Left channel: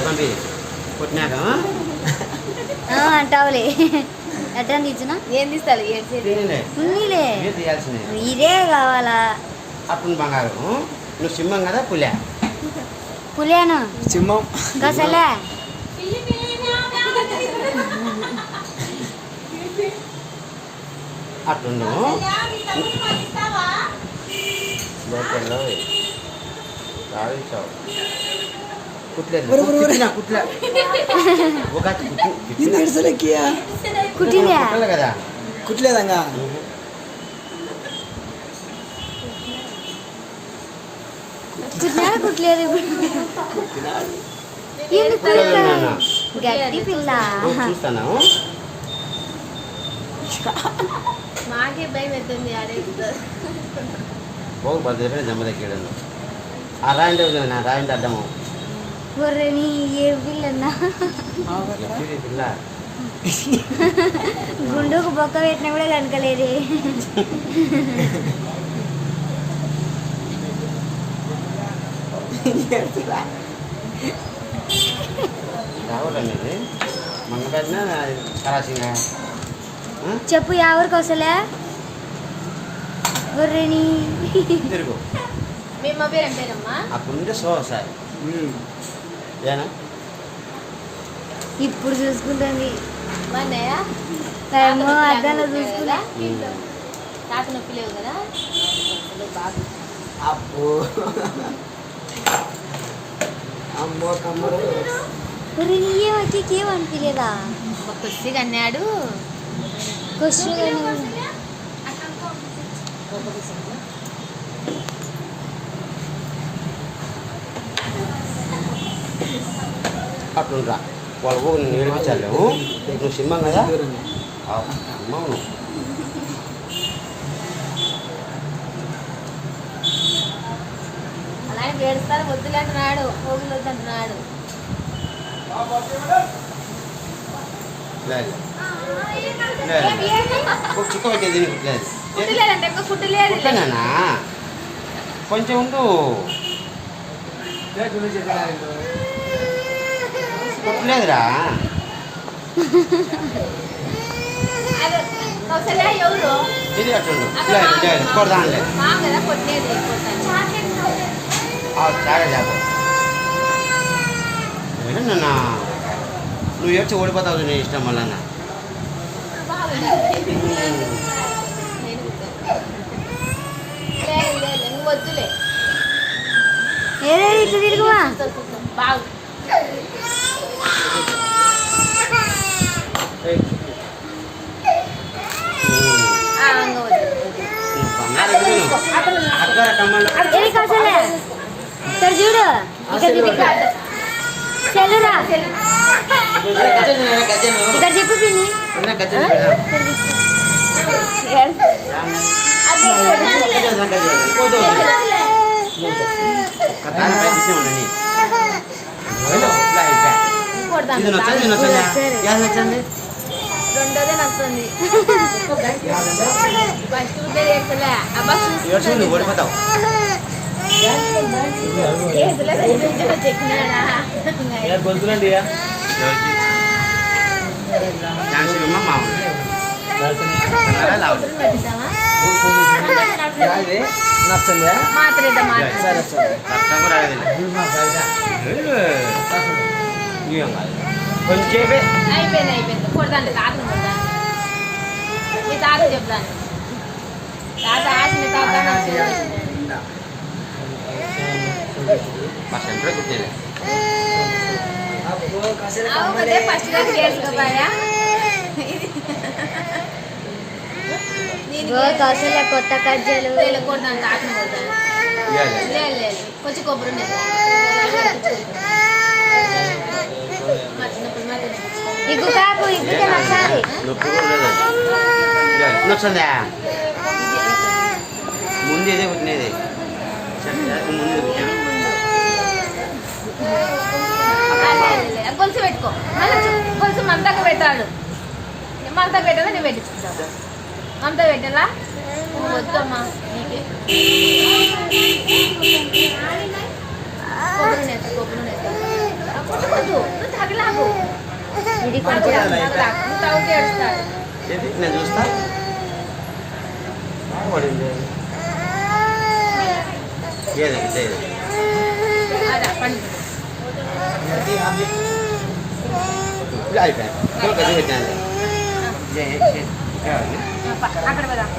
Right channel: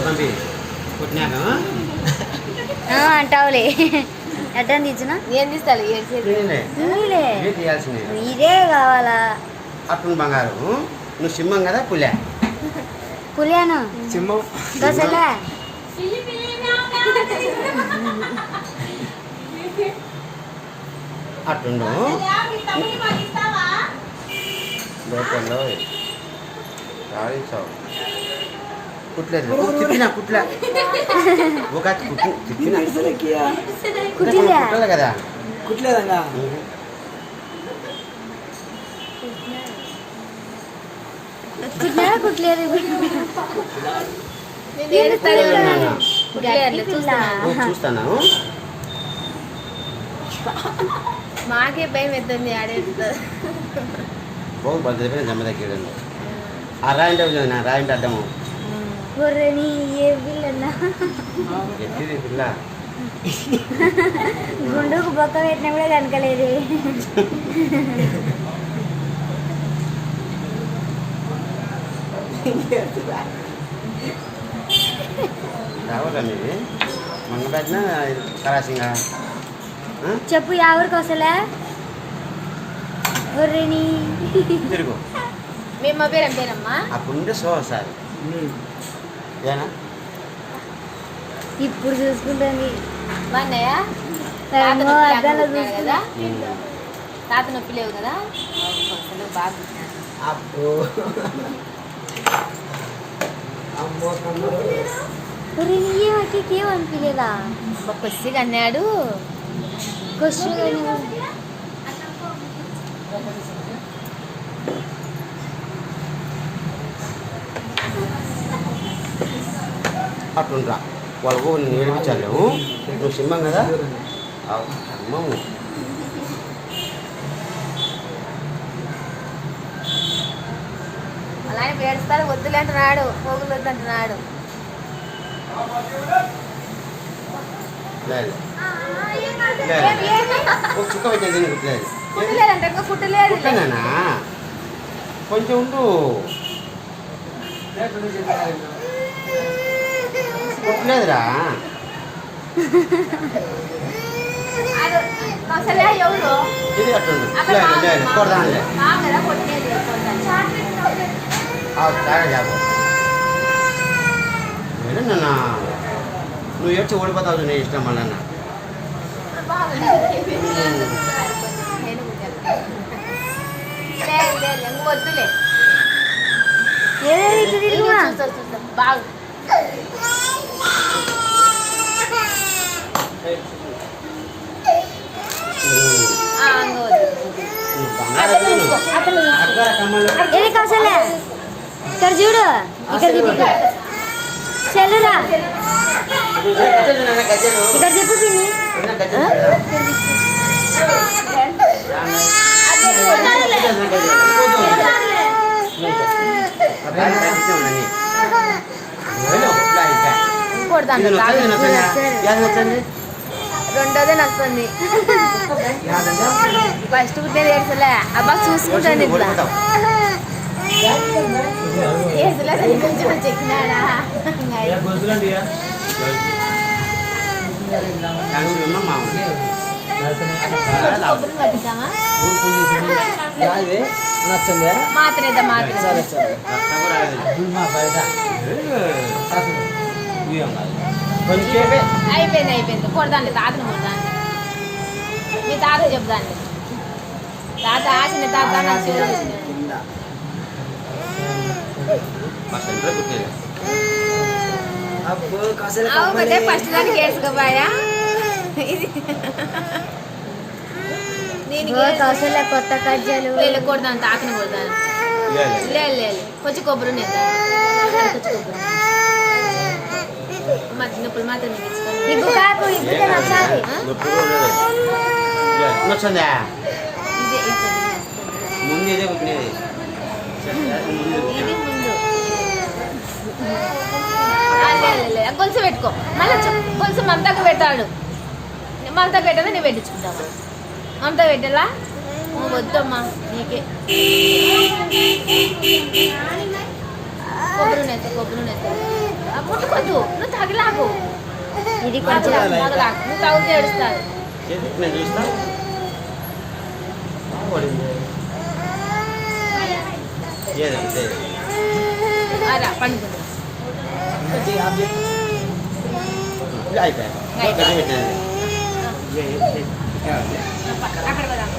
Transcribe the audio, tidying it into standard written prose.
పంపి కొట్టినాక అంటావులే ఎట్లా తీర్చునా ఏం తీస్తాను ఉన్నీలే ఇదే కావాలా అప్పుడు బంగారం నువ్వు సింహం కదా పులే పులియాను సింహం గసలే అట్టుండు బయటలో రాయిస్తావు కుట్లేదు కుట్లే ఒక కుట్టిందా కదా కుట్లేదంగా కుట్టినా కుట్లేదు గట్టి పిల్ల చూస్తాను మాకే భయం ఎత్తుంది బాగు బద్దరే జమ్మ దగ్గర ఆ రాయింటి నా రాయింటి అడ్డము గొర్రెని ఏ పిల్లన్నా పిల్ల గుండుకు బొక్క పెట్టినా కూడా కనకలేదు రావటండి మొన్న పెట్టినా కరాసింగా చెప్పు ఎవరికి వస్తలే గొర్రెని తిరుగు మేము పేరు పేరమ్మా అప్పుడు నుండి సో ఒకసారి ఏనా ఇప్పుడు చూసుకుంటుంది బాగున్నాయా ఏమో అద్దాలో చూసుకున్నా తాత నొప్పి లేవు కదా అసలు బాగా అబ్బో అమ్మో తమ్ముడు గొర్రెని ఏమనిపించలేదా కొద్దిగా అన్నాడు అట్లుంటా వాళ్ళకు నేను ఏడిపించాలేము నువ్వు సింహం కదా సింహం అలా ఏడుస్తారు వద్దులే అంటున్నాడు పోగులు వద్దు అంటున్నాడు లేదు చుక్క పెట్టేది కుట్టలేదు కుట్టలేదంటే ఇంకా కుట్టలేదు కుట్టనా కొంచెం ఉండు కుట్టలేదురా ఇది అట్టుండు లేదు లేదు కొడదాంలే చాలా చేప నాన్న నువ్వు ఏడ్చి ఓడిపోతావు నీ ఇష్టం మళ్ళా వద్దులే ఇట్లా తిరుగుమా బాగు ఏది కాసలే ఇక్కడ చూడు ఇక్కడ చెల్లురా ఇక్కడ చెప్పు తిని రెండోదే నచ్చుతుంది ఫస్ట్ పుట్టేది వేసలే అబ్బా చూసుకుంటాను నచ్చండి మాత్రమే సరే సరే కొంచెం అయిపోయింది అయిపోయింది కొడదాండి తాత కొడదాను మీ తాత చెప్తాను తాత ఆశ తాత మా సెంటర్ కుట్టేది అవును ఫస్ట్ దానికి వేసుకోపోయా కౌశల్య కొత్త కజ్జలు కొడతాను తాతను కొడతాను లేదు లేదు కొంచెం కొబ్బరి మా చిన్నప్పుడు మాత్రం ఇగ్గు కాకు ఇగ్గుతే నచ్చాలి నచ్చిందా ముందు ఇదే కుట్టినది కొంచెం పెట్టుకో మళ్ళీ కొంచెం మంతకు పెట్టాడు మంతకు పెట్టాలి నేను పెట్టించుకుంటాను అంతా పెట్టాలా వద్దమ్మా నీకే కొబ్బరి నెత్త ఇది కొంచెం నువ్వు తాగితే ఏడుస్తాను. ఏది? నేను చూస్తా బాగా పడింది. ఏది ఇదే. అదా పండుగ ఇది అయిపోయింది. ఓకే, ఇది పెట్టాను. అక్కడ పోదాం.